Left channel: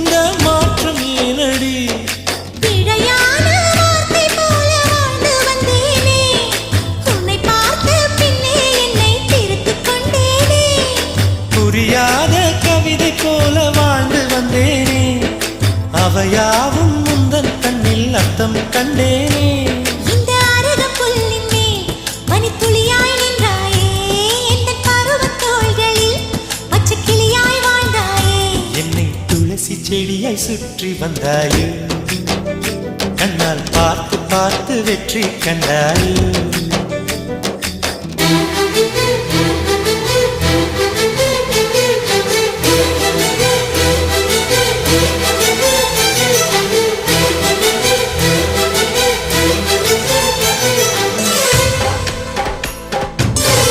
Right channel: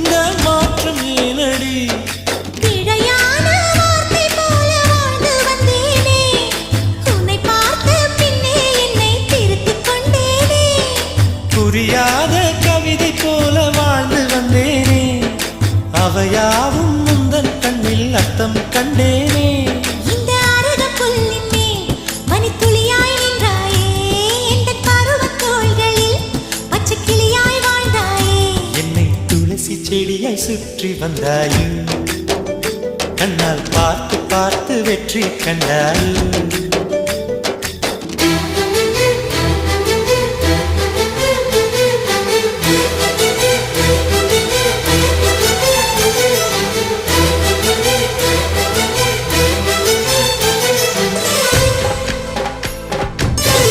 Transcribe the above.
இந்த மாற்றம் ஏனடி? பிழையான வார்த்தை போல வாழ்ந்து வந்தேனே, உன்னை பார்த்த பின்னே என்னை திருத்திக் கொண்டேனே. புரியாத கவிதை போல வாழ்ந்து வந்தேனே, அவையாவும் முந்தன் கண்ணில் அர்த்தம் கண்டேனே. இந்த அருக புல்லின் மேல் பனித்துளியாய் நின்றாயே, இந்த பருவத் தோள்களில் பச்சை கிளியாய் வாழ்ந்தாயே. என்னை துளசி செடியாய் சுற்றி வந்தாயோ, கண்ணால் பார்த்து பார்த்து வெற்றி கண்டாயோ.